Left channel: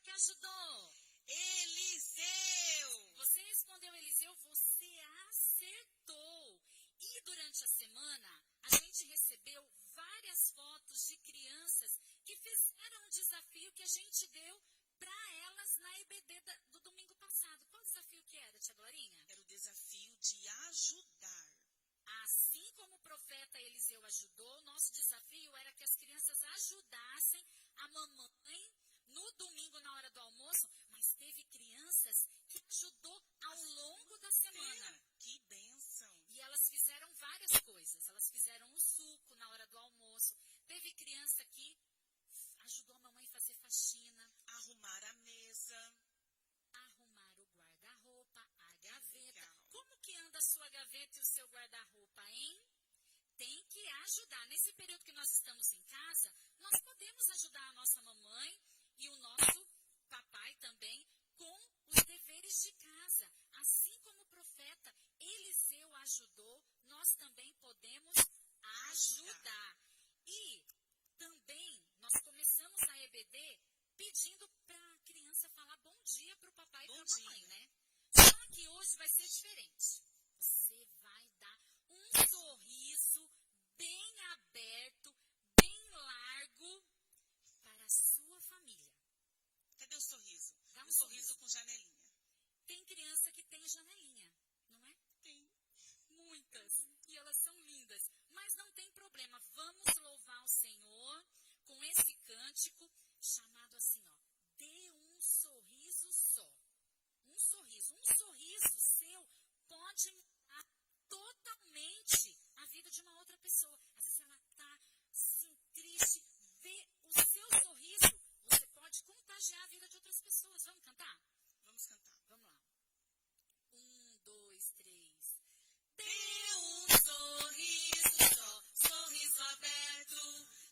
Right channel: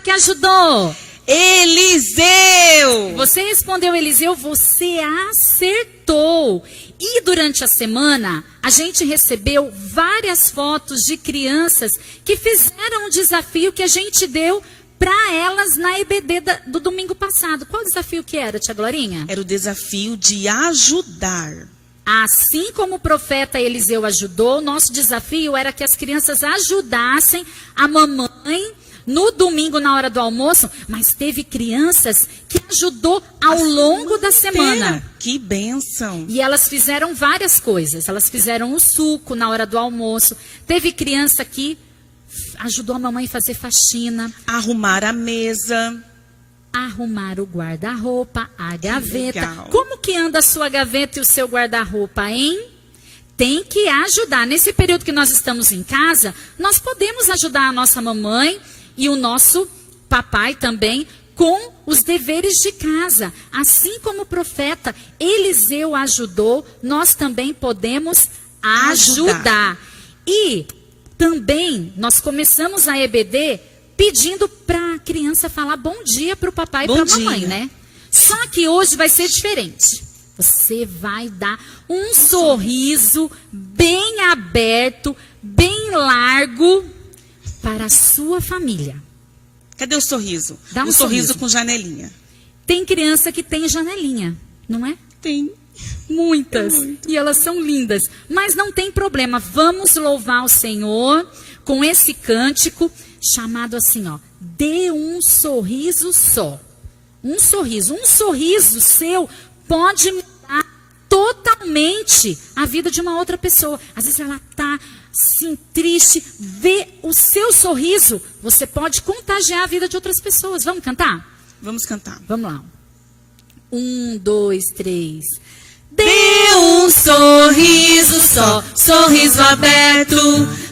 que ajudou? Eliseu! Você respondeu, Eliseu, você acertou. E durante a semana, a gente recebeu várias fotos de crianças que fizeram o desafio que a gente deu para elas na EBD do domingo passado. Qual desafio que era, tia Glorinha? Era o desafio de ajudar. Assim como o profeta Eliseu ajudou, nosso desafio era que as crianças ajudassem a mamãe no domingo na hora do almoço, mas teve crianças que ajudou ao longo da semana. Que bênção! E elas fizeram várias coisas. Elas fizeram o suco na hora do almoço. Teve criança que ajudou a mamãe a fazer faxina. Arrumar a mesa. Arrumar o guarda-roupa, a gaveta. Legal. Como que anda a sua gaveta e o seu guarda-roupa, hein? Tem que ajudar. Nesse período que nós estamos em casa, nós podemos ajudar a nossa mamãe e o nosso papai também com os deveres de casa. Assim como o profeta Eliseu ajudou, nós também podemos ajudar. E também nós começamos a EBD pedindo para a criança falar bom dia para o papai e para a mamãe, né? Só que hoje vai ser diferente. Você vai dar um sorriso bem aberto, bem largo para a sua família. Cadê o sorriso? Dá um sorriso com janelinha. Tem criança que tem janelinha, não é? Tem. Muitas. Muito. E elas são lindas. Mas não tem problema. Vamos louvar o Senhor com esse cântico chamado assim, ó. Dê um sorriso só. Um sorriso seu pode mudar totalmente a vida de uma outra pessoa. Às vezes ela está assim, triste, vê o seu sorriso, você pode contagiar a vida de outras pessoas. Vamos cantar? Vamos cantar. Vamos lá. 1, 2, 3. Dê um sorriso só, sorriso aberto,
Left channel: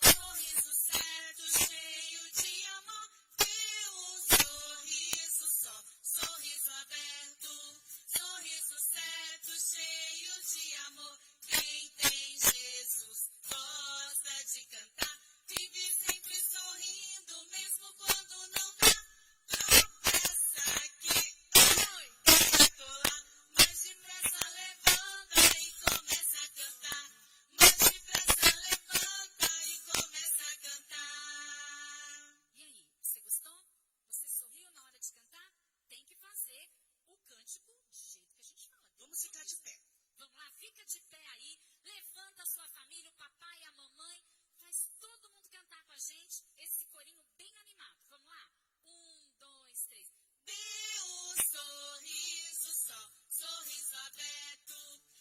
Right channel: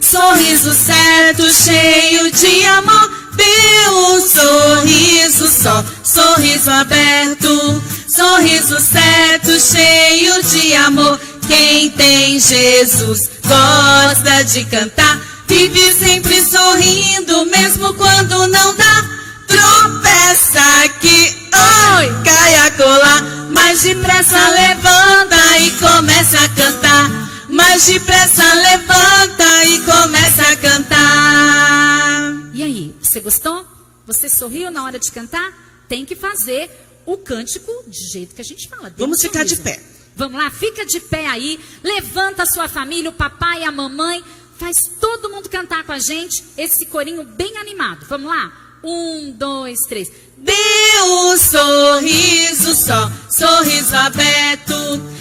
sorriso certo, cheio de amor. Dê um sorriso só, sorriso aberto, sorriso certo, cheio de amor. Quem tem Jesus gosta de cantar, vive sempre sorrindo, mesmo quando não dá. Tropeça aqui, oi, cai a colar, mas depressa levanta e começa a cantar. Mas depressa levanta e começa a cantar. E aí, você gostou? Você sorriu na hora de cantar? Tem que fazer o cântico do jeito que a gente fala. Vamos ficar de pé. Vamos lá, fica de pé aí, levanta a sua família, o papai e a mamãe, faz todo mundo cantar com a gente esse corinho bem animado. Vamos lá? 1, 2, 3. Dê um sorriso só, sorriso aberto,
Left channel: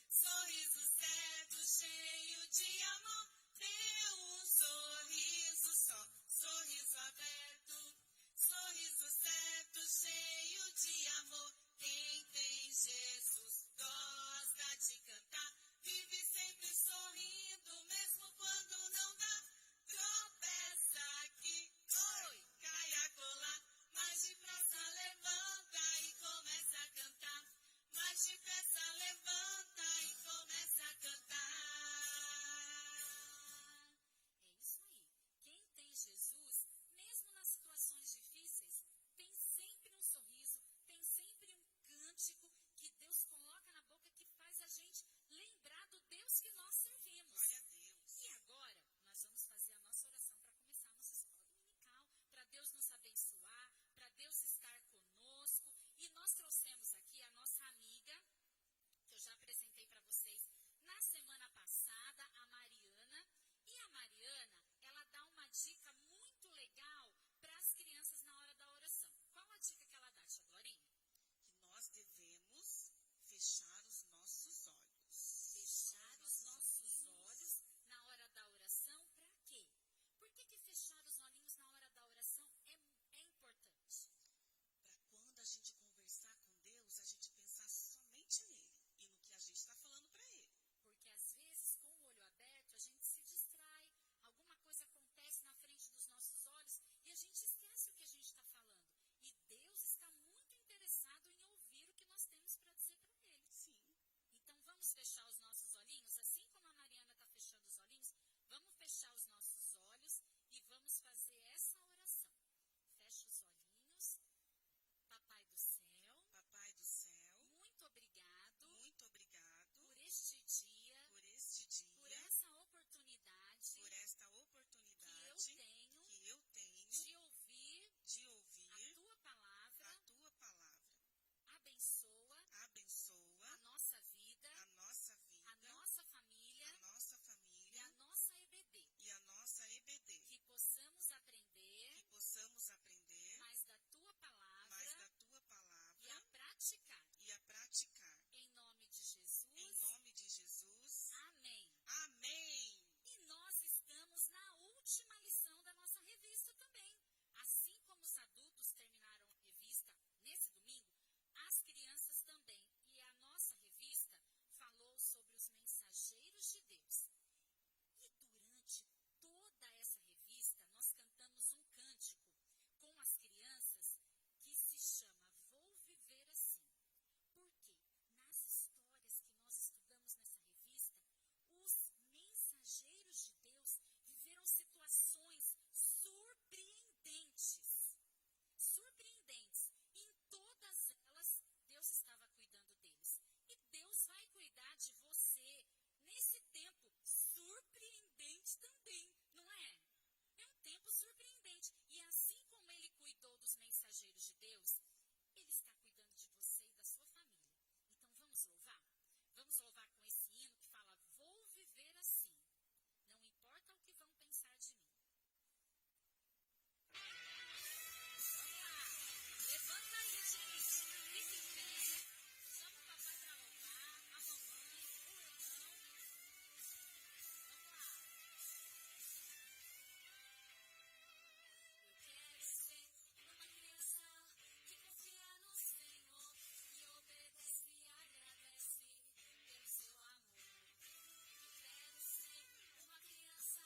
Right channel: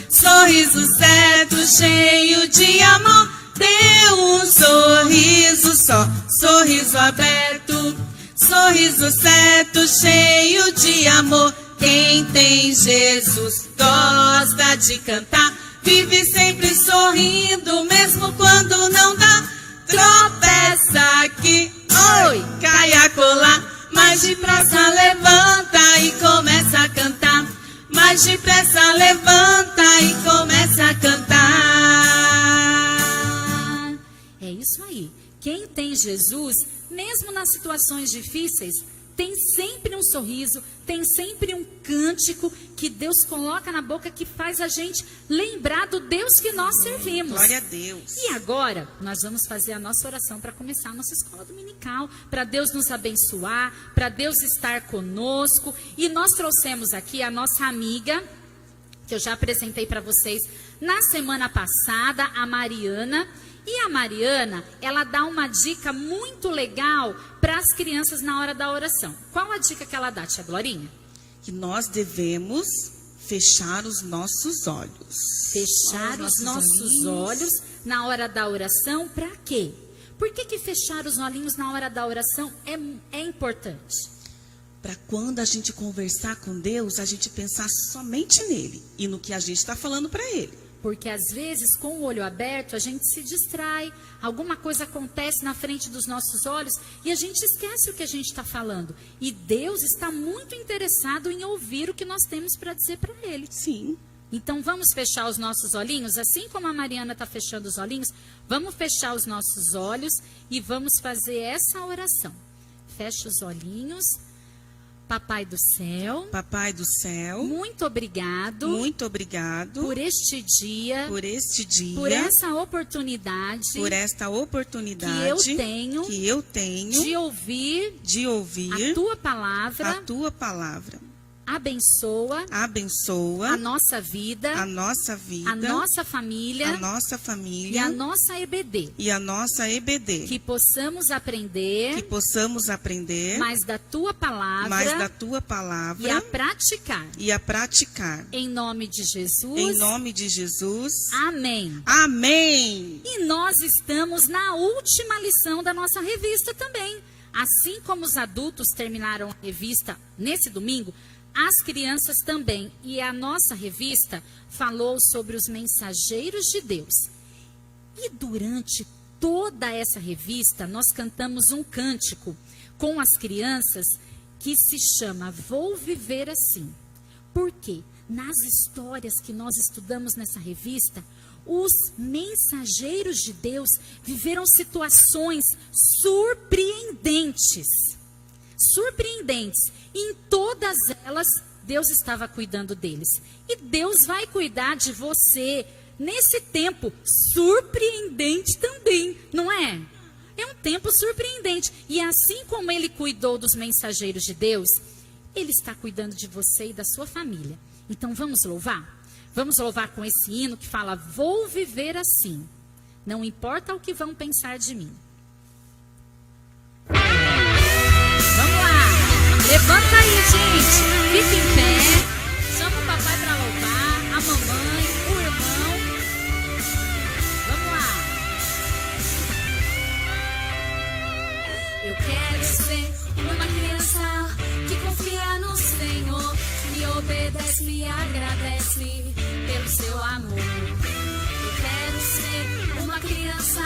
sorriso certo, cheio de amor. Dê um sorriso só, sorriso aberto, sorriso certo, cheio de amor. Quem tem Jesus gosta de cantar, vive sempre sorrindo, mesmo quando não dá. Tropeça aqui, oi, cai a colar, mas depressa levanta e começa a cantar. Mas depressa levanta e começa a cantar. É isso aí. Quem tem Jesus, mesmo nas situações difíceis, tem sempre um sorriso, tem sempre um cântico que Deus coloca na boca que faz a gente lembrar do Deus que nós servimos. Glória a Deus. E agora, nós vamos fazer a nossa oração para começar a nossa escola dominical, para Deus nos abençoar, para Deus estar conosco. E nós trouxemos aqui a nossa amiga, que eu já apresentei para vocês na semana passada, a Mariana. E a Mariana, ela dá uma dica muito legal para as crianças na hora da oração. Qual a dica que ela dá, tia Glorinha? Que nós devemos fechar os nossos olhos. Fechar os nossos olhos na hora da oração, para quê? Por que fechar os olhinhos na hora da oração é importante? Para quando a gente conversar com Deus, a gente pensar somente nele e no que a gente está falando para ele. Porque às vezes, com o olho aberto, a gente se distrai, alguma coisa acontece na frente dos nossos olhos e a gente esquece o que a gente está falando. E Deus está muito interessado em ouvir o que nós temos para dizer para Ele. Sim. Então vamos fechar os nossos olhinhos, assim como a Mariana está fechando os olhinhos, vamos fechar os nossos olhos e vamos fazer essa oração. Feche os olhinhos. Papai do céu, Papai do céu, muito obrigado por este dia, por essa oportunidade que eu tenho de ouvir a tua palavra. Abençoa a nossa vida, a nossa família e a nossa EBD. Que possamos aprender mais da tua palavra e a praticar. Em nome de Jesus. Amém. Amém. E nós estamos na última lição da nossa revista também. Assim como os adultos terminaram a revista nesse domingo, as crianças também. E a nossa revista falou sobre os mensageiros de Deus. E durante toda essa revista, nós cantamos um cântico com as crianças que se chama Vou Viver Assim. Por quê? Nas histórias que nós estudamos nessa revista, os mensageiros de Deus viveram situações surpreendentes. E em todas elas, Deus estava cuidando deles. E Deus vai cuidar de você nesse tempo surpreendente também, não é? É um tempo surpreendente. E assim como Ele cuidou dos mensageiros de Deus, Ele está cuidando de você e da sua família. Então vamos louvar? Vamos louvar com esse hino que fala: Vou viver assim, não importa o que vão pensar de mim. Vamos lá! Levanta aí, gente. Fica em pé. Chama o papai para louvar, a mamãe, o irmão. Vamos lá. Eu quero ser uma criança que confia no Senhor, que obedece e agradece pelo seu amor. Eu quero ser uma criança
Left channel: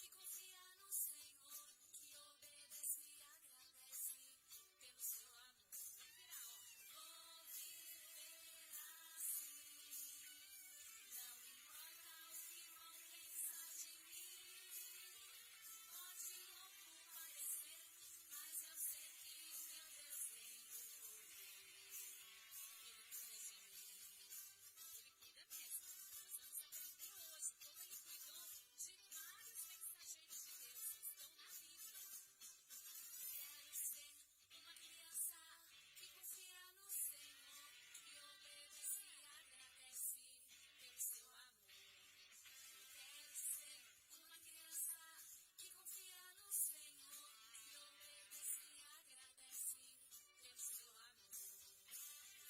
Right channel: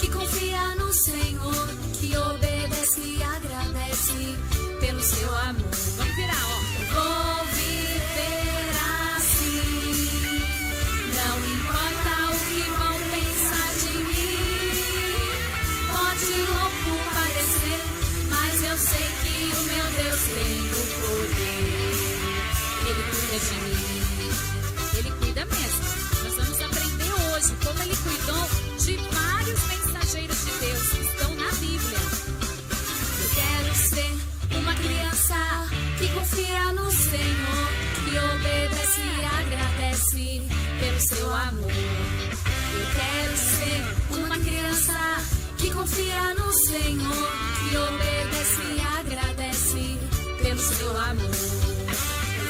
que confia no Senhor, que obedece e agradece pelo seu amor. Vamos virar, ó. Vou viver assim, não importa o que vão pensar de mim. Pode louco parecer, mas eu sei que o meu Deus tem o poder. Ele cuida de mim, Ele cuida mesmo. Nós vamos aprender hoje como Ele cuidou de vários mensageiros de Deus que estão na Bíblia. Eu quero ser uma criança que confia no Senhor, que obedece e agradece pelo seu amor. Eu quero ser uma criança que confia no Senhor, que obedece e agradece pelo seu amor.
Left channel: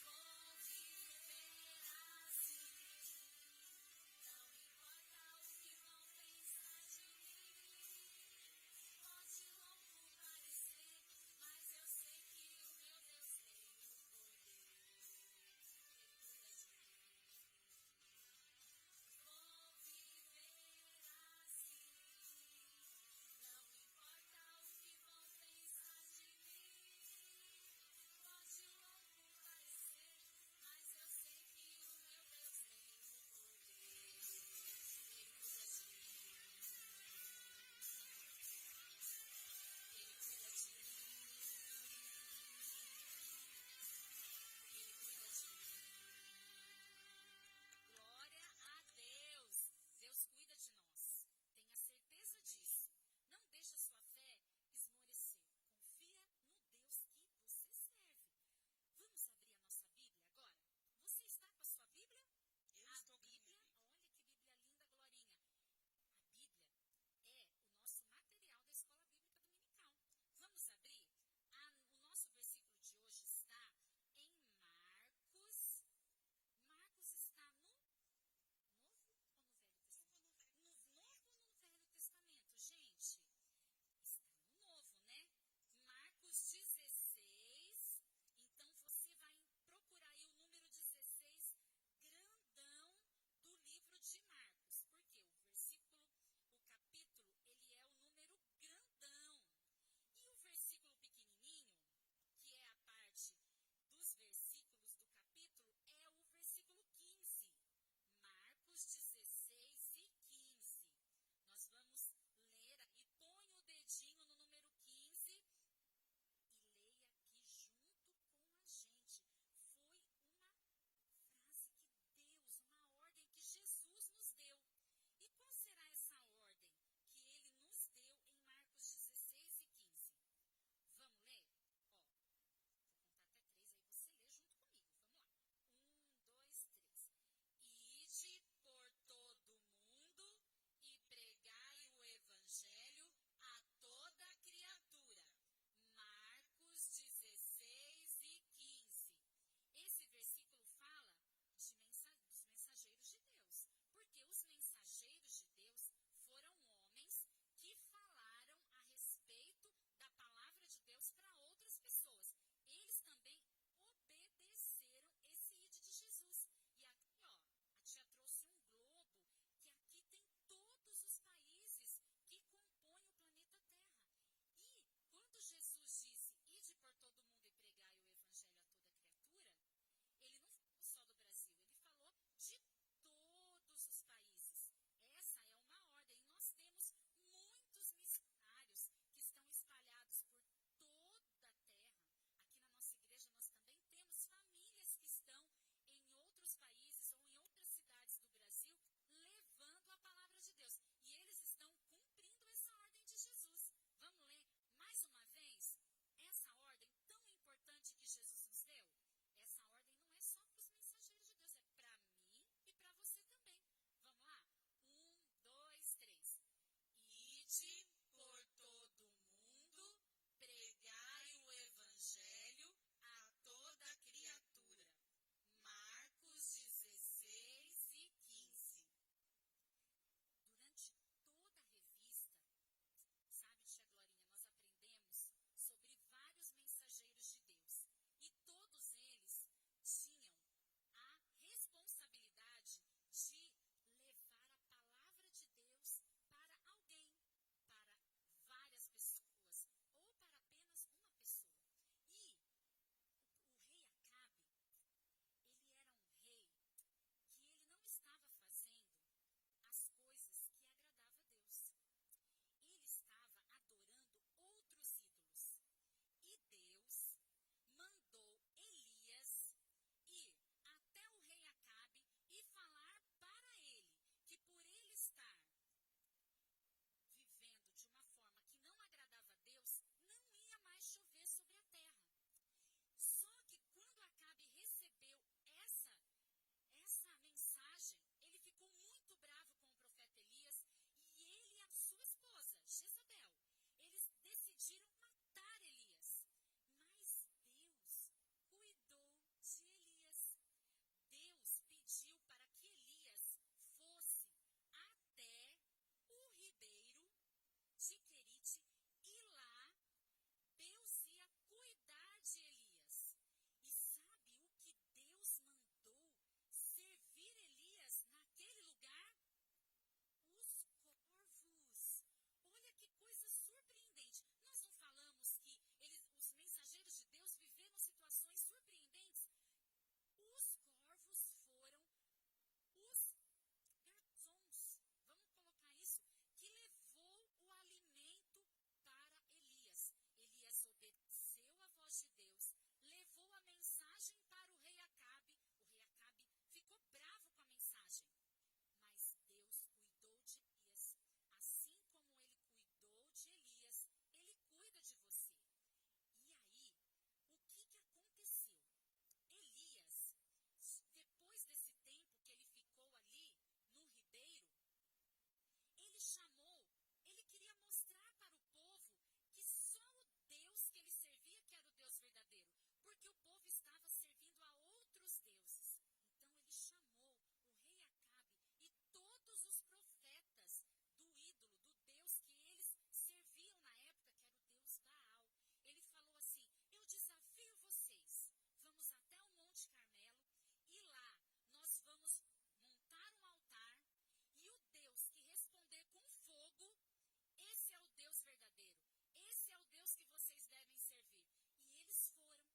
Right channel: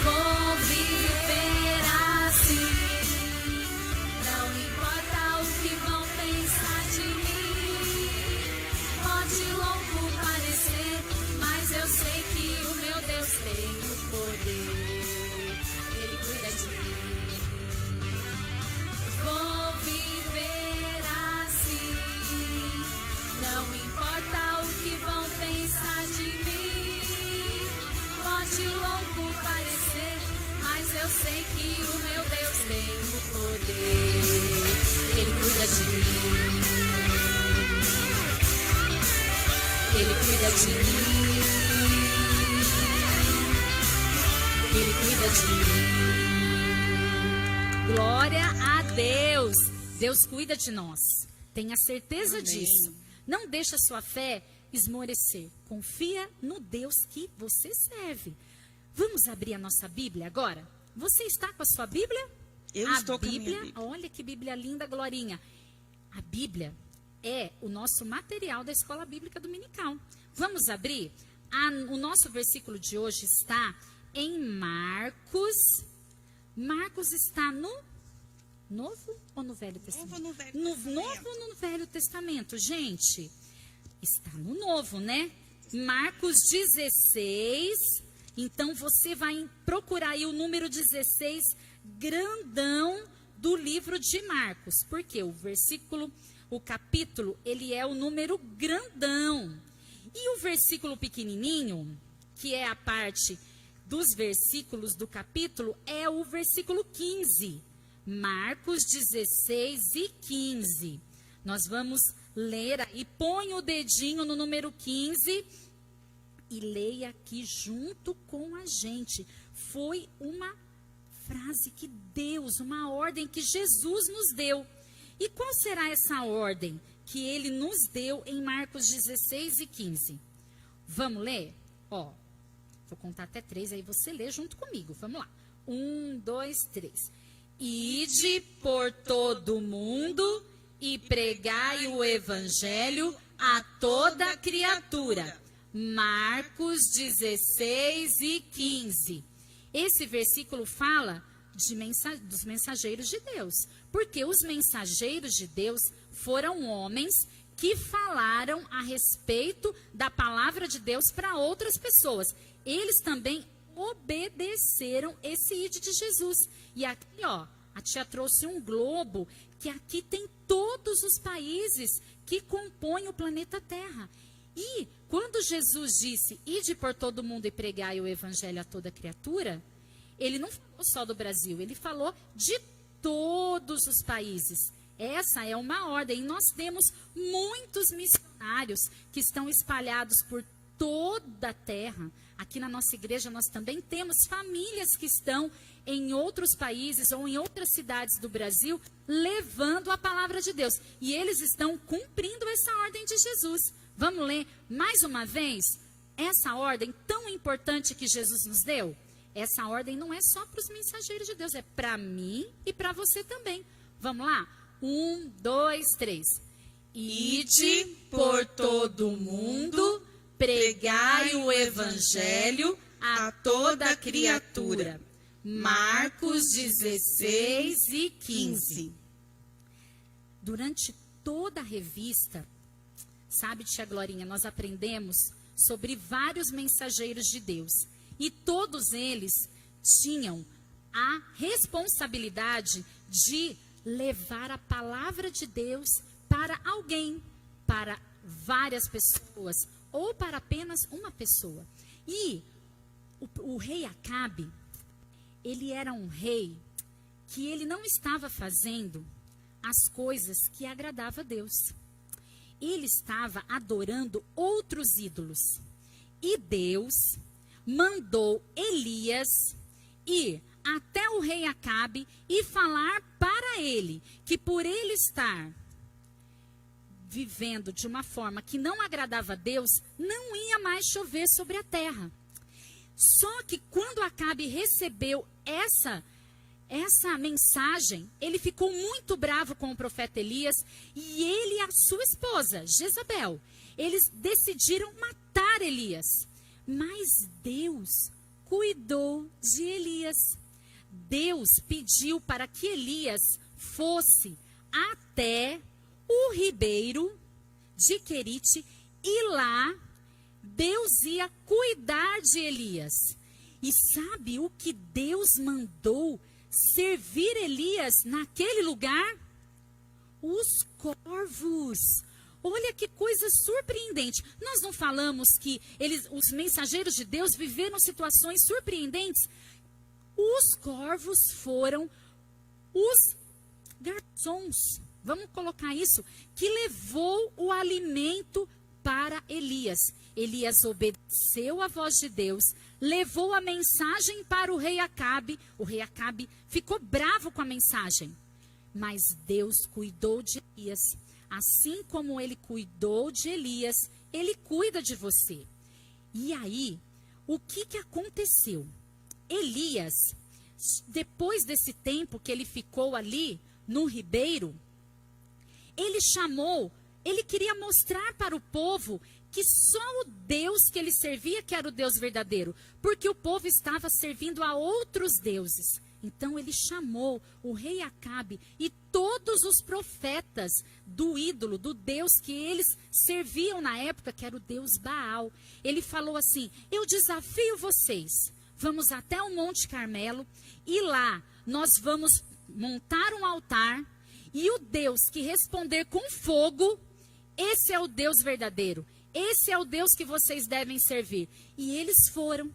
Vou viver assim, não importa o que vão pensar de mim. Pode louco parecer, mas eu sei que o meu Deus tem o poder. Ele cuida de mim. Vou viver assim, não importa o que vão pensar de mim. Pode louco parecer, mas eu sei que o meu Deus tem o poder. Ele cuida de mim. Ele cuida de mim. Ele cuida de mim. Glória a Deus. Deus cuida de nós. Tenha certeza Amém. disso. Não deixe a sua fé esmorecer. Confia no Deus que você serve. Vamos abrir a nossa Bíblia agora? Você está com a sua Bíblia? Eu estou com a minha Bíblia. Olha que Bíblia linda, Glorinha. A Bíblia é o nosso material da Escola Bíblica Dominical. Vamos abrir? O nosso versículo de hoje está em Marcos. Marcos está no Novo ou no Velho Testamento? Novo ou no Velho Testamento, gente? Está no Novo, né? Marcos 16. Então, você vai procurar aí o número 16, grandão, do livro de Marcos. Porque o capítulo, ele é o número grandão. E o versículo pequenininho, que é a parte dos versículos do capítulo, é o versículo 15. Marcos 16 e 15. Nós vamos ler aí. Põe o dedinho no número 15 e leia aqui junto com a gente. Foi uma frase que Deus, uma ordem que Jesus nos deu. E qual será essa ordem que ele nos deu em Marcos 16 e 15? Vamos ler? Ó, vou contar até 3, aí você lê junto comigo. Vamos lá. 1, 2, 3. Ide por todo o mundo e pregai o evangelho a toda criatura. Marcos 16 e 15. Esse versículo fala dos mensageiros de Deus. Porque os mensageiros de Deus foram homens que falaram a respeito da palavra de Deus para outras pessoas. Eles também obedeceram esse ide de Jesus. E aqui, ó, a tia trouxe um globo, que aqui tem todos os países que compõem o planeta Terra. E quando Jesus disse, ide por todo mundo e pregai o evangelho a toda criatura, ele não falou só do Brasil, ele falou de todos os países. Essa é uma ordem. E nós temos muitos missionários que estão espalhados por toda a terra. Aqui na nossa igreja nós também temos famílias que estão em outros países ou em outras cidades do Brasil levando a palavra de Deus. E eles estão cumprindo essa ordem de Jesus. Vamos ler mais uma vez essa ordem tão importante que Jesus nos deu? Essa ordem não é só para os mensageiros de Deus, é para mim e para você também. Vamos lá? 1, 2, 3. Ide por todo o mundo, pregai o evangelho a toda criatura. Marcos 16 e 15. Durante toda a revista, sabe, tia Glorinha, nós aprendemos sobre vários mensageiros de Deus. E todos eles tinham a responsabilidade de levar a palavra de Deus para alguém, para várias pessoas, ou para apenas uma pessoa. E o rei Acabe, ele era um rei que ele não estava fazendo as coisas que agradavam a Deus. Ele estava adorando outros ídolos. E Deus mandou Elias ir até o rei Acabe e falar para ele que por ele estar vivendo de uma forma que não agradava a Deus, não ia mais chover sobre a terra. Só que quando Acabe recebeu essa mensagem, ele ficou muito bravo com o profeta Elias e ele e a sua esposa, Jezabel, eles decidiram matar Elias. Mas Deus cuidou de Elias. Deus pediu para que Elias fosse até o ribeiro de Querite e lá Deus ia cuidar de Elias. E sabe o que Deus mandou servir Elias naquele lugar? Os corvos. Olha que coisa surpreendente. Nós não falamos que os mensageiros de Deus viveram situações surpreendentes? Os corvos foram os garçons, vamos colocar isso, que levou o alimento para Elias. Elias obedeceu à voz de Deus, levou a mensagem para o rei Acabe. O rei Acabe ficou bravo com a mensagem, mas Deus cuidou de Elias. Assim como ele cuidou de Elias, ele cuida de você. E aí, o que aconteceu? Elias, depois desse tempo que ele ficou ali no ribeiro, ele queria mostrar para o povo que só o Deus que ele servia que era o Deus verdadeiro, porque o povo estava servindo a outros deuses. Então ele chamou o rei Acabe e todos os profetas do ídolo, do Deus que eles serviam na época, que era o Deus Baal. Ele falou assim: eu desafio vocês, vamos até o Monte Carmelo e lá nós vamos montar um altar e o Deus que responder com fogo, esse é o Deus verdadeiro. Esse é o Deus que vocês devem servir. E eles foram.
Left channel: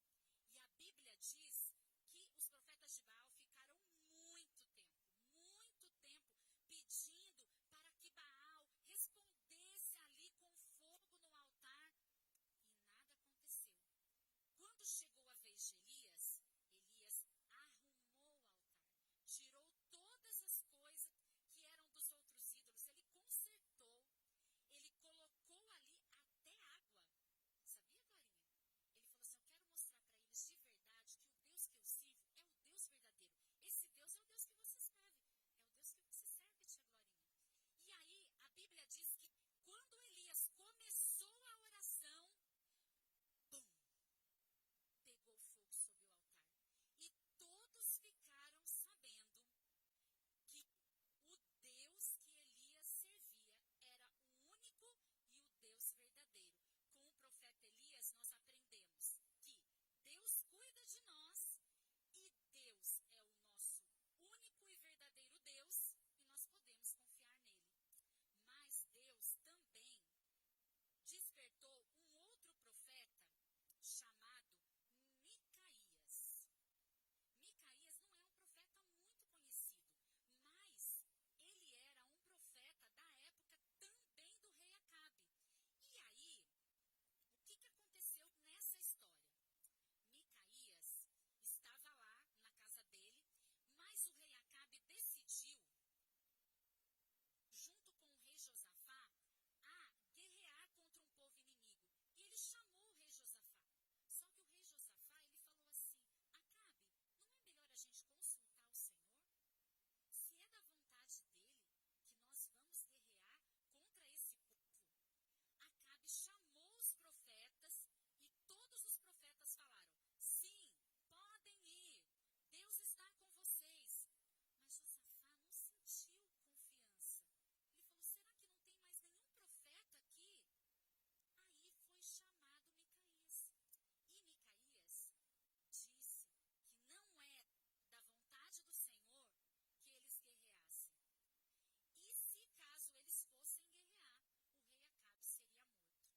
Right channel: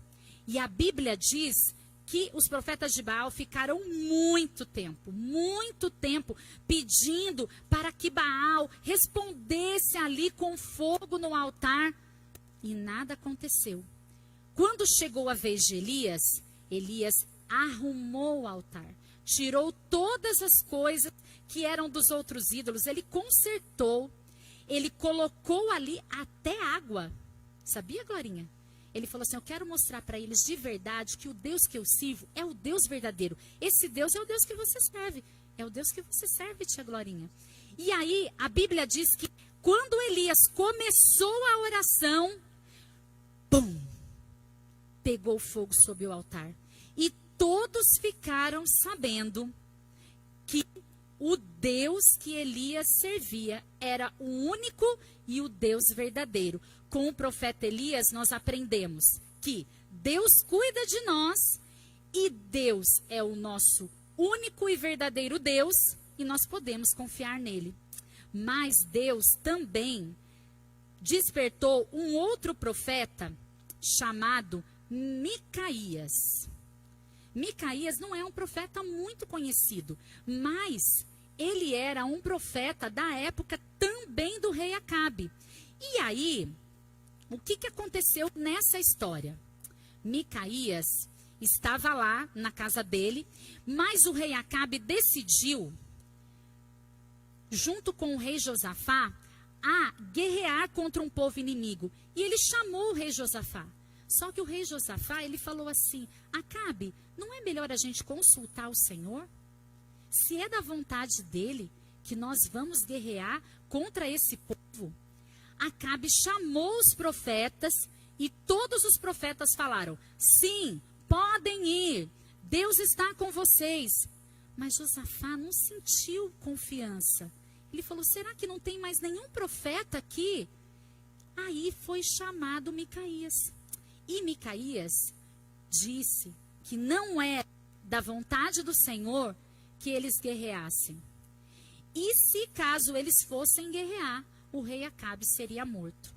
E a Bíblia diz que os profetas de Baal ficaram muito tempo pedindo para que Baal respondesse ali com fogo no altar. e nada aconteceu. Quando chegou a vez de Elias, Elias arrumou o altar, tirou todas as coisas que eram dos outros ídolos, ele consertou, ele colocou ali até água. Sabia, Glorinha? Ele falou assim, eu quero mostrar para eles de verdade que o Deus que eu sirvo é o Deus verdadeiro. Esse Deus é o Deus que você serve. É o Deus que você serve, tia Glorinha. E aí, a Bíblia diz que quando Elias começou a oração, pum, pegou fogo sobre o altar. E todos ficaram sabendo que o Deus que Elias servia era o único e o Deus verdadeiro. Com o profeta Elias, nós aprendemos que Deus cuida de nós e Deus é o nosso único e verdadeiro Deus e nós podemos confiar nele. Mas Deus também despertou um outro profeta chamado Micaías. Micaías não é um profeta muito conhecido, mas ele era um profeta da época também do rei Acabe. E aí, o que aconteceu nessa história? Micaías estava lá na casa dele, mas o rei Acabe decidiu, junto com o rei Josafá, a guerrear contra um povo inimigo. E ele chamou o rei Josafá. Só que o rei Josafá, ele falou assim, Acabe, não é melhor a gente consultar o Senhor? Se é da vontade dele que nós vamos guerrear contra esse povo. Acabe chamou os profetas e todos os profetas falaram, sim, podem ir, Deus está com vocês. Mas Josafá não sentiu confiança. Ele falou, será que não tem mais nenhum profeta aqui? Aí foi chamado Micaías. E Micaías disse que não é da vontade do Senhor que eles guerreassem. E se caso eles fossem guerrear, o rei Acabe seria morto.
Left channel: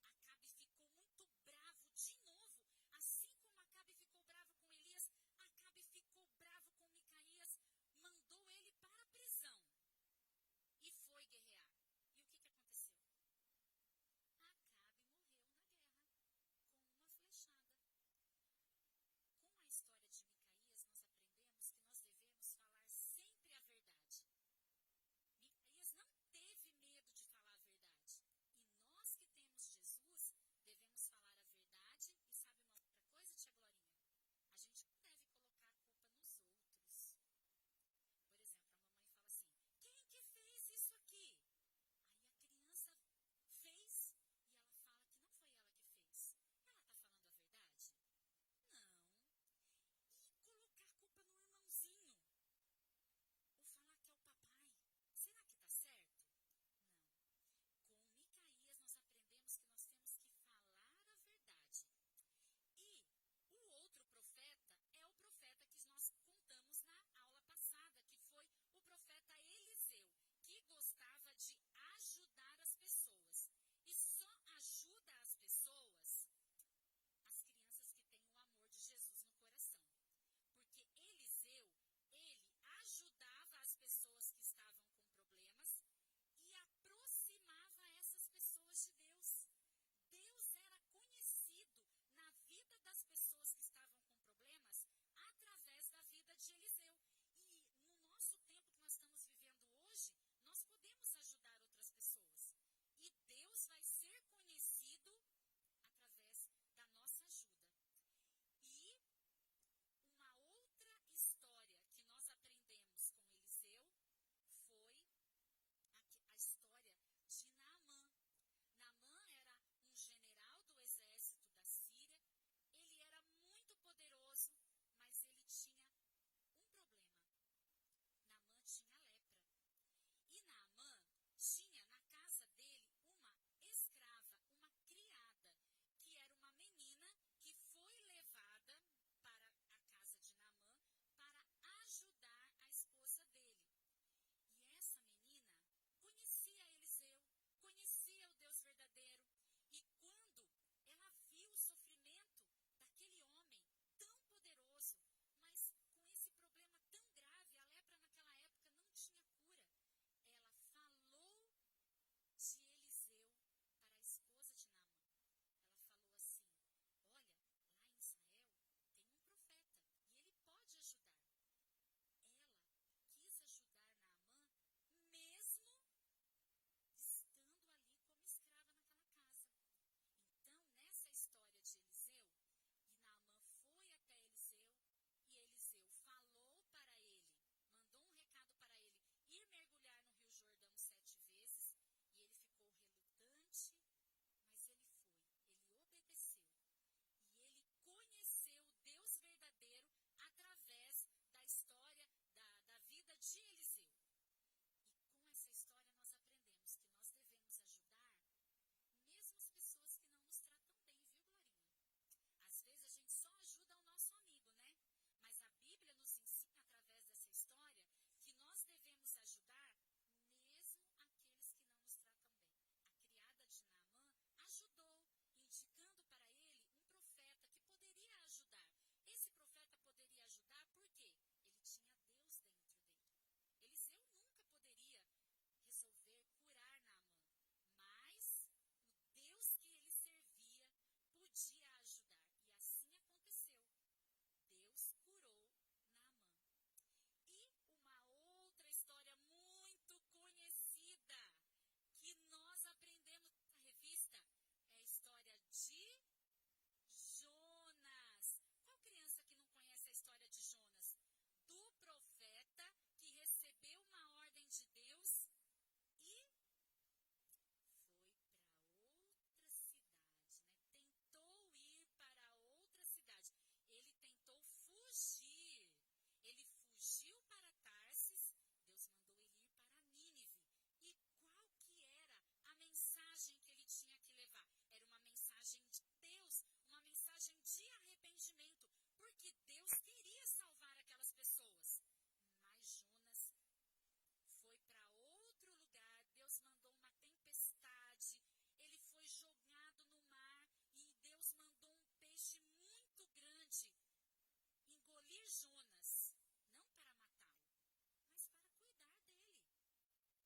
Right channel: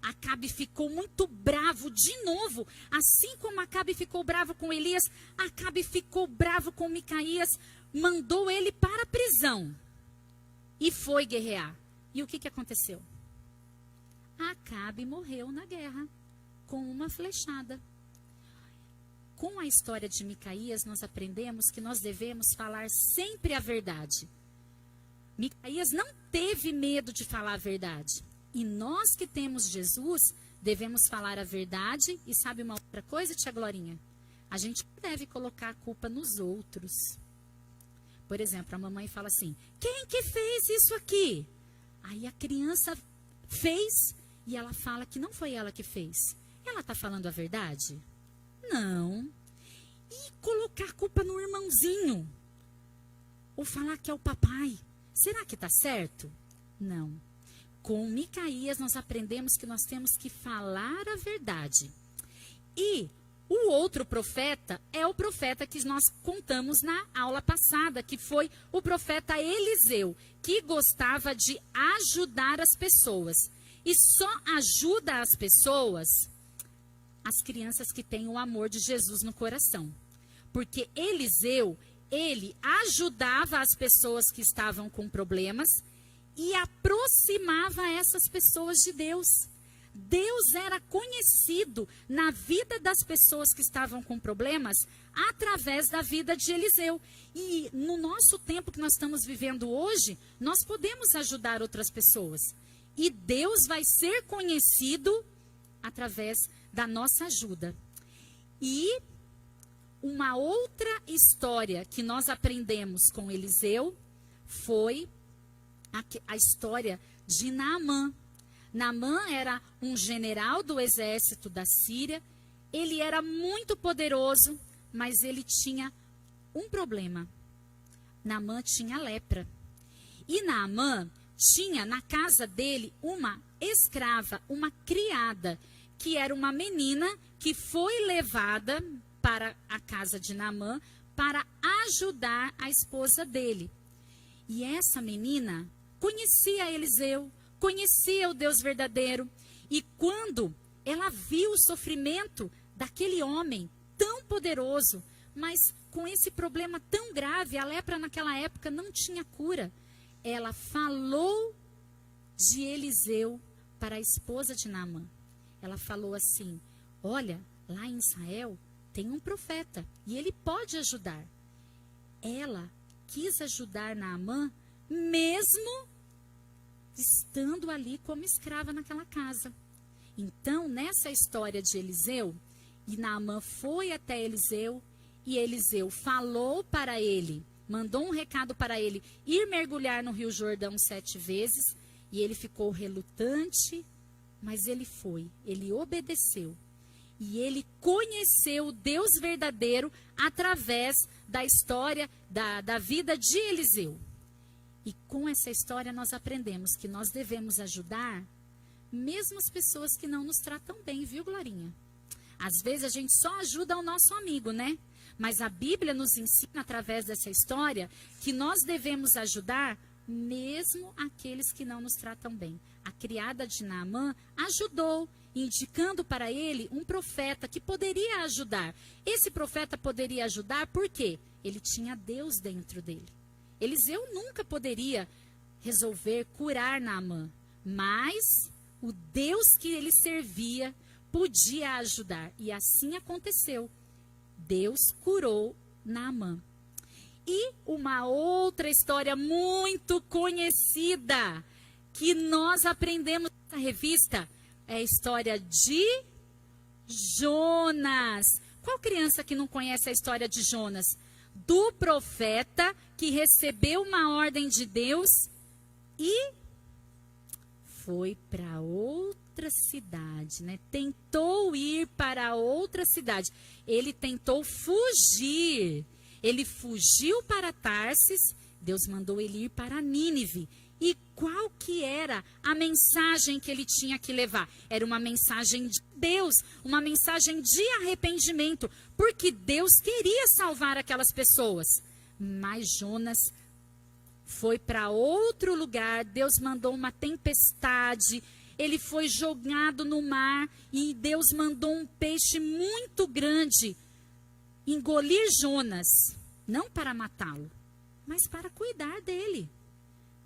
Acabe ficou muito bravo de novo. Assim como Acabe ficou bravo com Elias, Acabe ficou bravo com Micaías, mandou ele para a prisão e foi guerrear. E o que aconteceu? Acabe morreu na guerra com uma flechada. Com a história de Micaías, nós aprendemos que nós devemos falar sempre a verdade. Micaías não teve medo de falar a verdade. E nós que temos Jesus, devemos falar a verdade. E sabe uma outra coisa, tia Glorinha? A gente não deve colocar a culpa nos outros. Por exemplo, a mamãe fala assim, quem que fez isso aqui? Aí a criança fez e ela fala que não foi ela que fez. Ela está falando a verdade? Não. E colocar a culpa no irmãozinho? Ou falar que é o papai? Será que está certo? Não. Com Micaías nós aprendemos que nós temos que falar a verdade. E o outro profeta é o profeta que nós contamos na aula passada, que foi o profeta Eliseu, que gostava de ajudar as pessoas. E só ajuda as pessoas as crianças que têm o amor de Jesus no coração. Porque Eliseu, ele ajudava as pessoas que estavam com problemas e aproximava essas pessoas de Deus. Deus era conhecido na vida das pessoas que estavam com problemas através da vida de Eliseu. E no nosso tempo que nós estamos vivendo hoje, nós podemos ajudar outras pessoas. E Deus vai ser conhecido através da nossa ajuda. E uma outra história que nós aprendemos com Eliseu foi a história de Naamã. Naamã era um general do exército da Síria. Ele era muito poderoso, mas ele tinha um problema. Naamã tinha lepra. E Naamã tinha na casa dele uma escrava, uma criada, que era uma menina que foi levada para a casa de Naamã para ajudar a esposa dele. E essa menina conhecia Eliseu, conhecia o Deus verdadeiro. E quando ela viu o sofrimento daquele homem tão poderoso, mas com esse problema tão grave, a lepra naquela época não tinha cura, ela falou de Eliseu para a esposa de Naamã. ela falou assim: olha, lá em Israel tem um profeta e ele pode ajudar. Ela quis ajudar Naamã, mesmo estando ali como escrava naquela casa. Então, nessa história de Eliseu, e Naamã foi até Eliseu, e Eliseu falou para ele, mandou um recado para ele, ir mergulhar no Rio Jordão 7 vezes, e ele ficou relutante, mas ele foi, ele obedeceu. E ele conheceu o Deus verdadeiro através da história, da vida de Eliseu. E com essa história nós aprendemos que nós devemos ajudar mesmo as pessoas que não nos tratam bem, viu, Glorinha? Às vezes a gente só ajuda o nosso amigo, né? Mas a Bíblia nos ensina através dessa história que nós devemos ajudar mesmo aqueles que não nos tratam bem. A criada de Naamã ajudou, indicando para ele um profeta que poderia ajudar. Esse profeta poderia ajudar porque ele tinha Deus dentro dele. Eliseu nunca poderia resolver curar Naamã, mas o Deus que ele servia podia ajudar. E assim aconteceu. Deus curou Naamã. E uma outra história muito conhecida que nós aprendemos nessa revista é a história de Jonas. Qual criança que não conhece a história de Jonas? Do profeta que recebeu uma ordem de Deus e foi para outra cidade, né? Tentou ir para outra cidade. Ele tentou fugir. Ele fugiu para Tarsis. Deus mandou ele ir para Nínive. E qual que era a mensagem que ele tinha que levar? Era uma mensagem de Deus, uma mensagem de arrependimento, porque Deus queria salvar aquelas pessoas. Mas Jonas foi para outro lugar, Deus mandou uma tempestade, ele foi jogado no mar e Deus mandou um peixe muito grande engolir Jonas, não para matá-lo, mas para cuidar dele.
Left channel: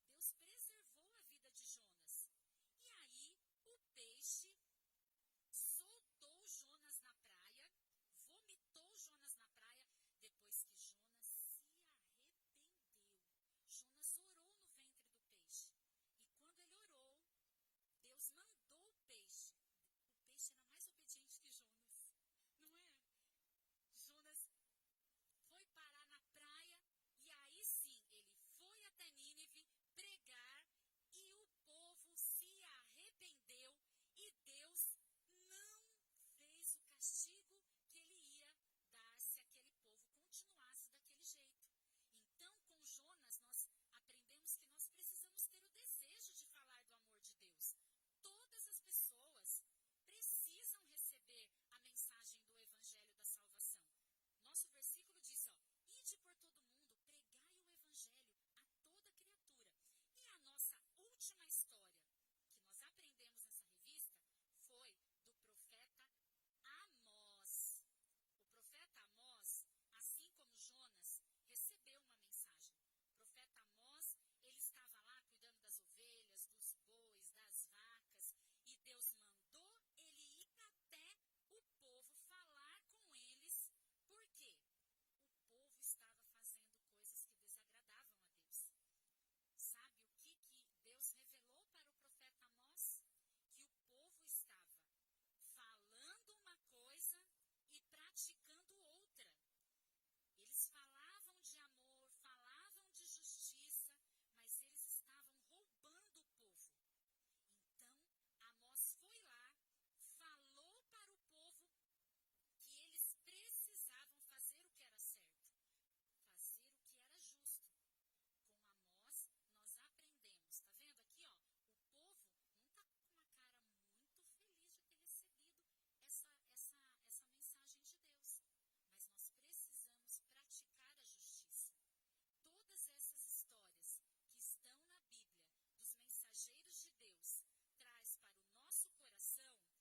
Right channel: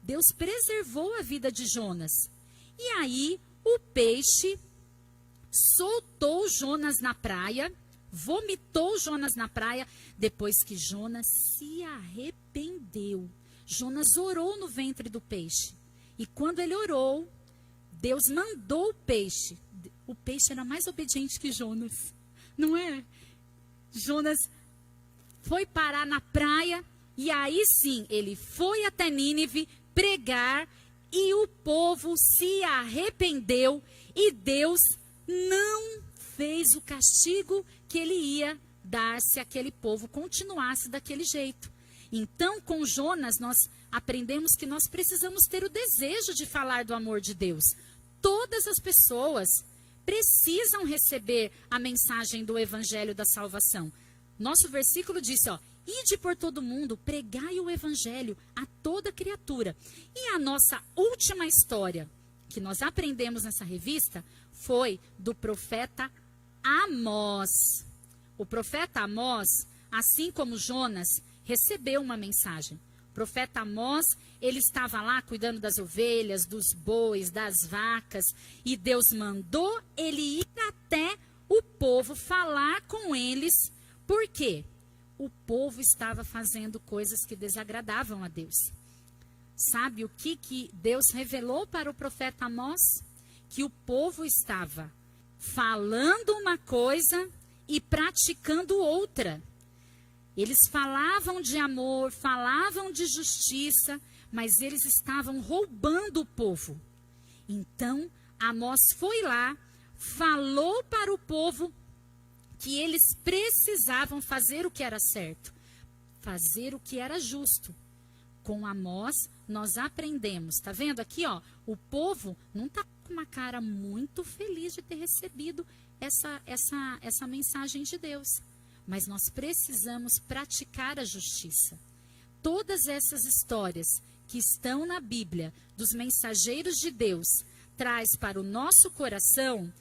Deus preservou a vida de Jonas. E aí o peixe soltou Jonas na praia, vomitou Jonas na praia, depois que Jonas se arrependeu. Jonas orou no ventre do peixe. E quando ele orou, Deus mandou o peixe. O peixe era mais obediente que Jonas, não é? Jonas foi parar na praia e aí sim, ele foi até Nínive pregar e o povo se arrependeu e Deus não fez o castigo que ele ia dar se aquele povo continuasse daquele jeito. Então, com Jonas, nós aprendemos que nós precisamos ter o desejo de falar do amor de Deus. Todas as pessoas precisam receber a mensagem do evangelho da salvação. Nosso versículo disse, ide por todo mundo, pregai o evangelho a toda criatura. E a nossa última história que nós aprendemos nessa revista foi do profeta Amós. O profeta Amós, assim como Jonas, recebeu uma mensagem. O profeta Amós, ele estava lá cuidando das ovelhas, dos bois, das vacas, e Deus mandou ele ir até o povo falar com eles. Por quê? O povo estava fazendo coisas que desagradavam a Deus. Sabe o que Deus revelou para o profeta Amós? Que o povo estava falando uma coisa e praticando outra. Eles falavam de amor, falavam de justiça, mas eles estavam roubando o povo. Então, Amós foi lá, falou para o povo que eles precisavam fazer o que era certo, fazer o que era justo. Com Amós, nós aprendemos, tá vendo aqui, o povo não está com uma cara muito feliz de ter recebido essa mensagem de Deus. Mas nós precisamos praticar a justiça. Todas essas histórias que estão na Bíblia, dos mensageiros de Deus, traz para o nosso coração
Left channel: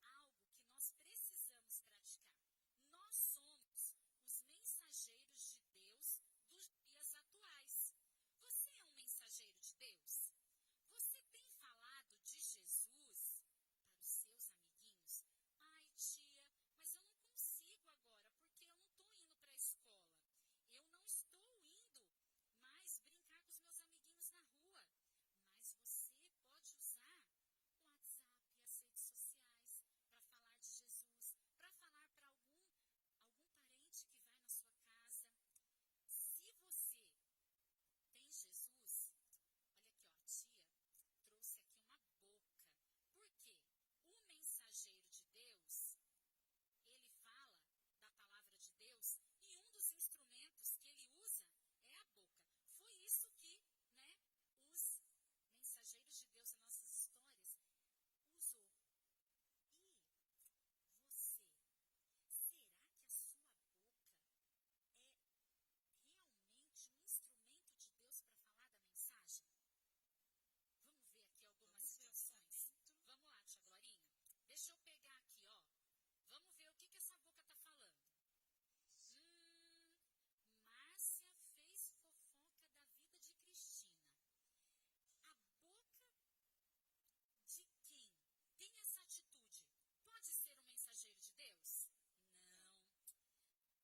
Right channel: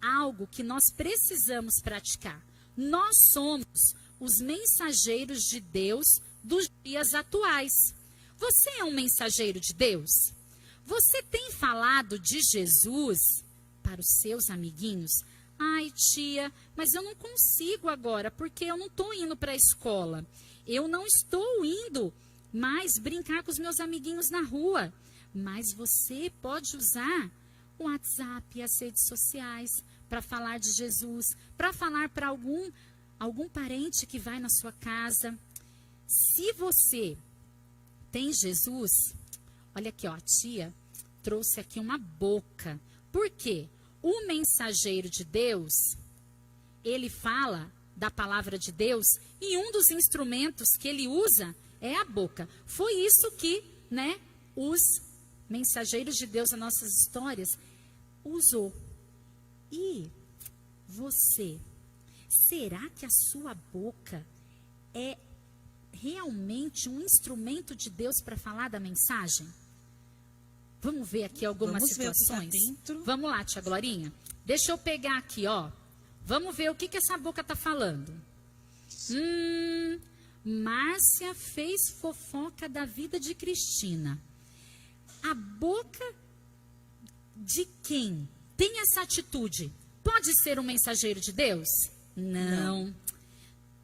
algo que nós precisamos praticar. Nós somos os mensageiros de Deus dos dias atuais. Você é um mensageiro de Deus? Você tem falado de Jesus para os seus amiguinhos? Ai, tia, mas eu não consigo agora, porque eu não estou indo para a escola. Eu não estou indo mais brincar com os meus amiguinhos na rua. Mas você pode usar o WhatsApp e as redes sociais para falar de Jesus, para falar para algum parente que vai na sua casa. Se você tem Jesus, olha aqui, ó, a tia trouxe aqui uma boca. Por quê? O mensageiro de Deus, ele fala da palavra de Deus e um dos instrumentos que ele usa é a boca. Foi isso que, né, os mensageiros de Deus nas nossas histórias usou. E você, será que a sua boca é realmente um instrumento de Deus para falar da mensagem? Vamos ver aqui algumas situações. Vamos lá, tia Glorinha. Deixa eu pegar aqui, ó. Vamos ver o que essa boca está falando. Márcia fez fofoca da vida de Cristina. A boca de quem tem essa atitude pode ser um mensageiro de Deus? Não.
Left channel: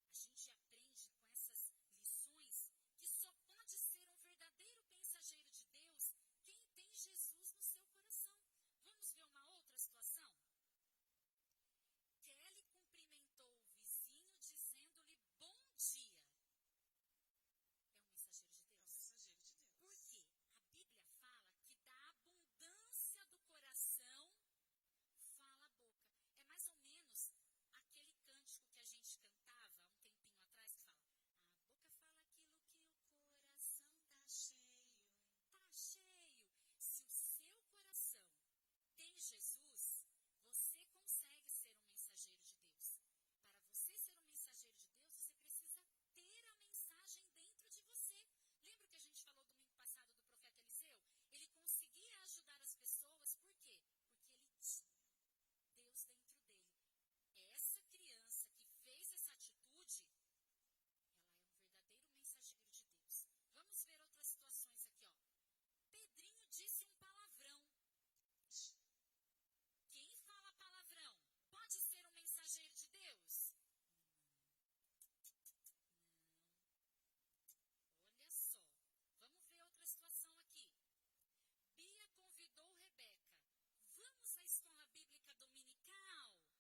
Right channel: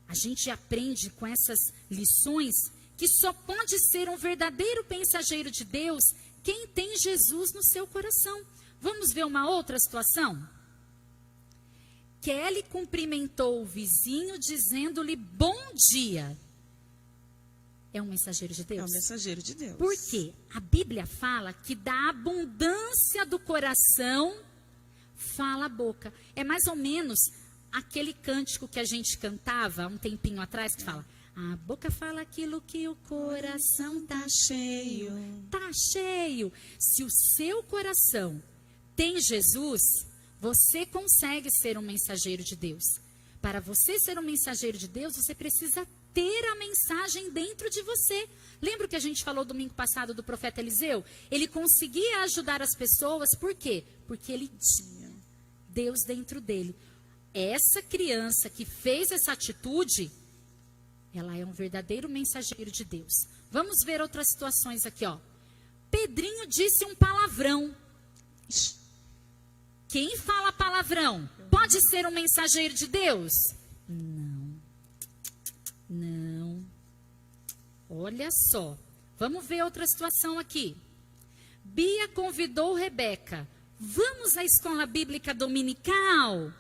A gente aprende com essas lições que só pode ser um verdadeiro mensageiro de Deus quem tem Jesus no seu coração. Vamos ver uma outra situação? Kelly cumprimentou o vizinho dizendo-lhe bom dia. É um mensageiro de Deus? É um mensageiro de Deus. Por quê? A Bíblia fala que da abundância do coração fala a boca. É mais ou menos aquele cântico que a gente cantava um tempinho atrás, que fala: a boca fala aquilo que o coração tá cheio. Tá cheio. Se o seu coração tem Jesus, você consegue ser um mensageiro de Deus. Para você ser um mensageiro de Deus, você precisa ter a mensagem dentro de você. Lembra o que a gente falou domingo passado do profeta Eliseu? Ele conseguia ajudar as pessoas, por quê? Porque ele tinha Deus dentro dele. Essa criança que fez essa atitude, ela é um verdadeiro mensageiro de Deus. Vamos ver outras situações aqui, ó. Pedrinho disse um palavrão. Quem fala palavrão pode ser um mensageiro de Deus? Não. Olha só. Vamos ver outra situação aqui. Bia convidou Rebeca. Vamos à escola bíblica dominical?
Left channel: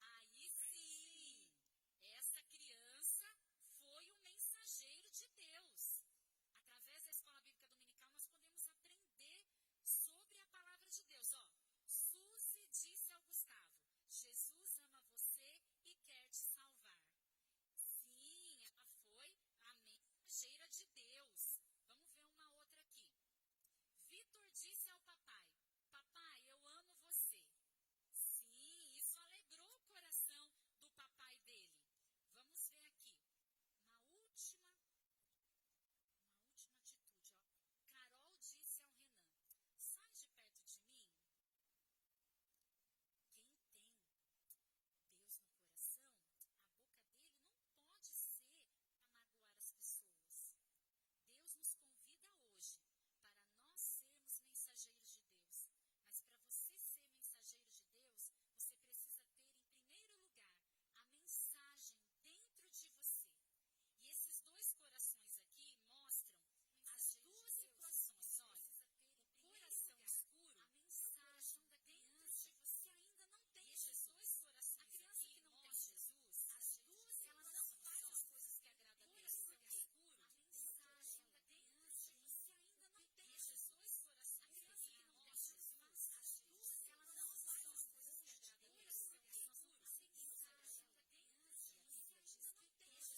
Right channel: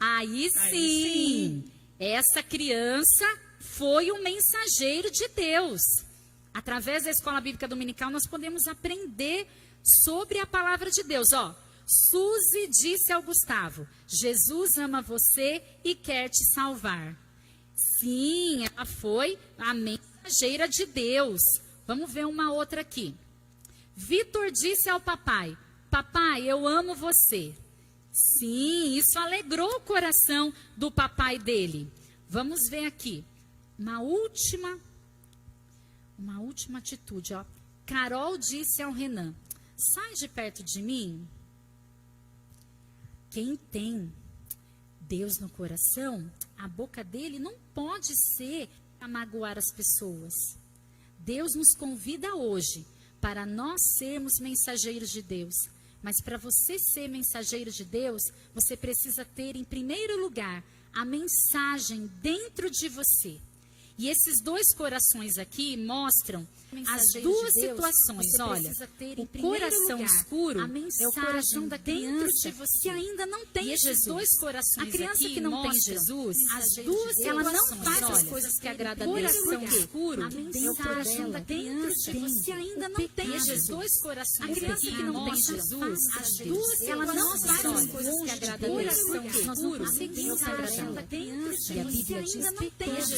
Aí sim. Essa criança foi um mensageiro de Deus. Através da escola bíblica dominical, nós podemos aprender sobre a palavra de Deus. Ó, Suzy disse ao Gustavo: Jesus ama você e quer te salvar. Sim, ela foi a mensageira de Deus. Vamos ver uma outra aqui. Vitor disse ao papai: papai, eu amo você. Sim, isso alegrou o coração do papai dele. Vamos ver aqui. Uma última atitude, ó. Carol disse ao Renan: sai de perto de mim. Quem tem Deus no coração, a boca dele não pode ser a magoar as pessoas. Deus nos convida hoje para nós sermos mensageiros de Deus. Mas para você ser mensageiro de Deus, você precisa ter, em primeiro lugar, a mensagem dentro de você. E esses dois corações aqui mostram as duas situações. Olha, o coração escuro é o coração da criança que ainda não tem Jesus. A criança que não tem Jesus, as duas ela não faz as coisas que agradam a Deus. O coração escuro é o coração da criança que ainda não tem Jesus. A criança que não tem Jesus, as duas ela não faz as coisas que agradam a Deus. Nós não conseguimos agradar a criança. E a Bíblia diz que pecado.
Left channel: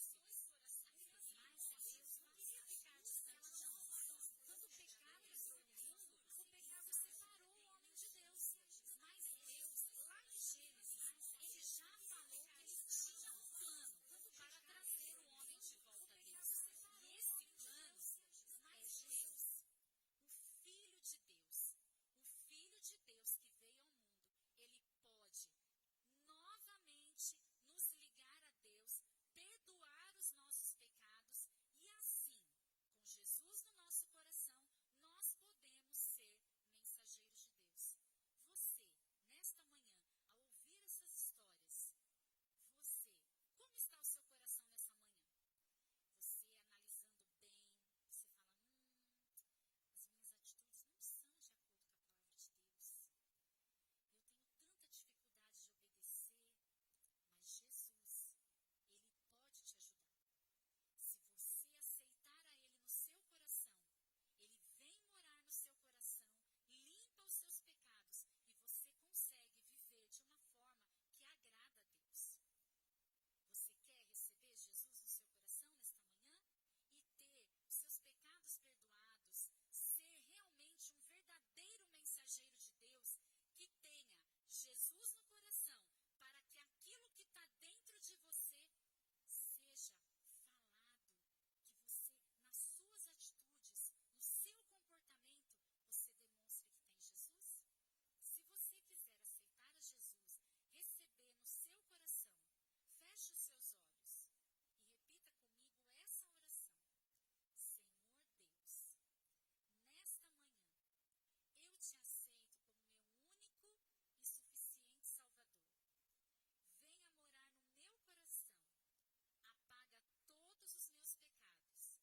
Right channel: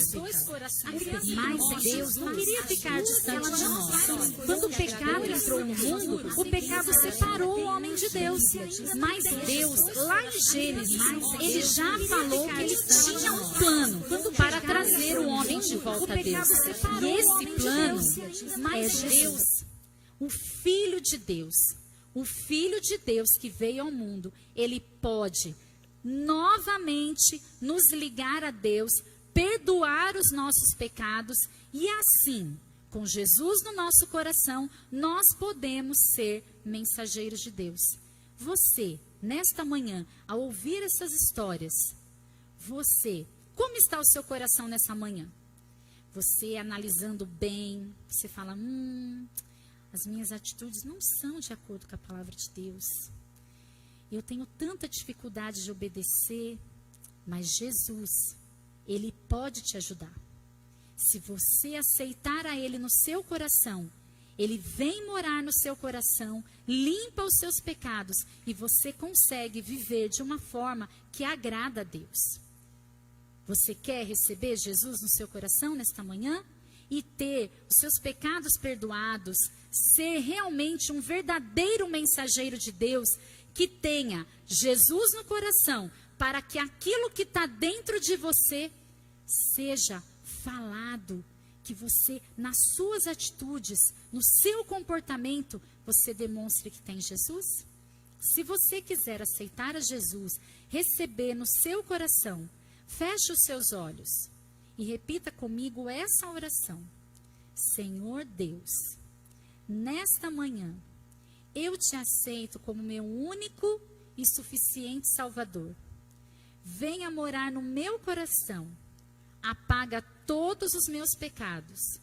Mas Deus não queria ficar distante de nós. Quando o pecado entrou no mundo, o pecado separou o homem de Deus. Mas Deus, lá em Gênesis, ele já falou que ele tinha um plano para trazer o homem de volta a Deus. E esse plano é Deus, o Filho de Deus. O Filho de Deus que veio ao mundo, ele pode novamente nos ligar a Deus, perdoar os nossos pecados e assim, com Jesus no nosso coração, nós podemos ser mensageiros de Deus. Você nesta manhã, ao ouvir essas histórias, como está o seu coração nessa manhã? Você analisando bem, você fala, as minhas atitudes não são de acordo com a palavra de Deus. Eu tenho tanta dificuldade de obedecer, mas Jesus, Ele pode te ajudar. Se você aceitar a Ele no seu coração, Ele vem morar no seu coração, limpa os seus pecados e você consegue viver de uma forma que agrada a Deus. Você quer receber Jesus no seu coração nesta manhã? E ter os seus pecados perdoados, ser realmente um verdadeiro mensageiro de Deus, que tenha Jesus no coração, para que aquilo que está dentro de você seja falado, que você, nas suas atitudes, no seu comportamento, você demonstre que tem Jesus? Se você quiser aceitar a Jesus, receber no seu coração, feche os seus olhos e repita comigo essa oração. Senhor Deus, nesta manhã, eu te aceito como meu único e suficiente Salvador. Venha morar no meu coração, apaga todos os meus pecados,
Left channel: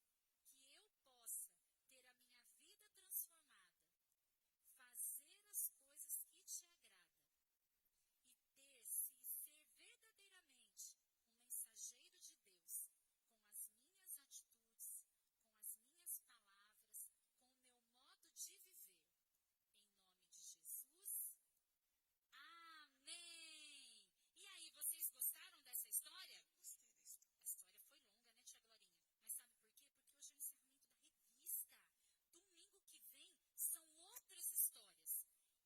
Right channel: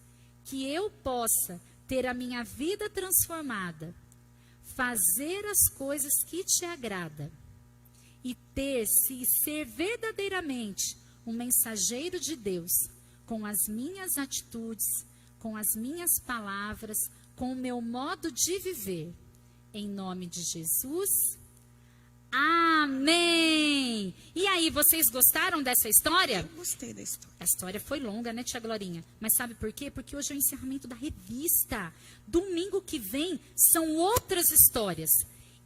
que eu possa ter a minha vida transformada, fazer as coisas que te agrada e ser verdadeiramente um mensageiro de Deus, com as minhas atitudes, com as minhas palavras, com o meu modo de viver. Em nome de Jesus. Amém! E aí, vocês gostaram dessa história? Eu gostei da história. A história foi longa, né, tia Glorinha? Mas sabe por quê? Porque hoje é o encerramento da revista. Domingo que vem são outras histórias.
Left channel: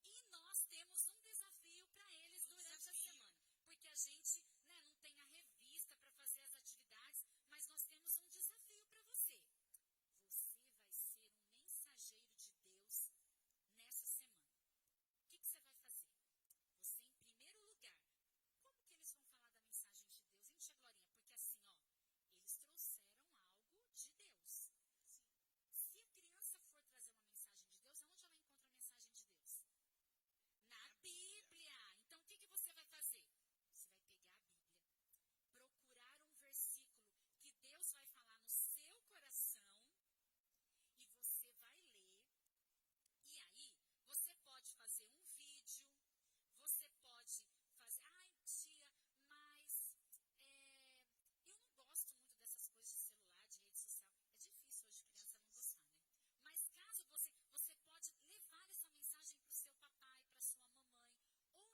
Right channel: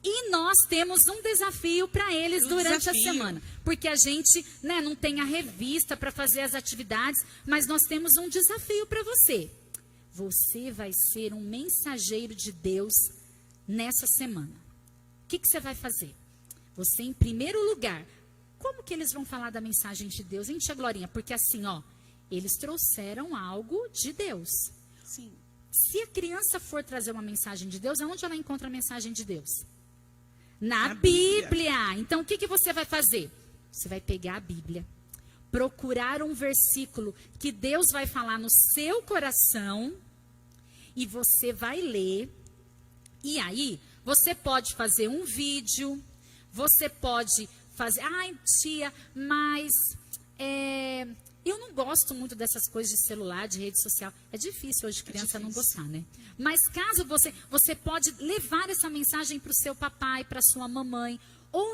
E nós temos um desafio para eles durante a semana. Porque a gente, né, não tem a revista para fazer as atividades, mas nós temos um desafio para você. Você vai ser um mensageiro de Deus nessa semana. O que você vai fazer? Você, em primeiro lugar, como que eles vão falar da mensagem de Deus, hein, tia Glorinha? Porque assim, ó, eles trouxeram algo de Deus. Sim. Se a criança for trazer uma mensagem de Deus, aonde ela encontra a mensagem de Deus? Na Bíblia. Então, o que você vai fazer? Você vai pegar a Bíblia, procurar um versículo que Deus vai falar no seu coração e você vai ler. E aí, você pode fazer um vídeo, você pode fazer... Ai, tia, mas eu não gosto muito dessas coisas de celular, de rede social. É difícil hoje criança não gostar, né? Mas caso você pode levar essa mensagem para o seu papai, para a sua mamãe,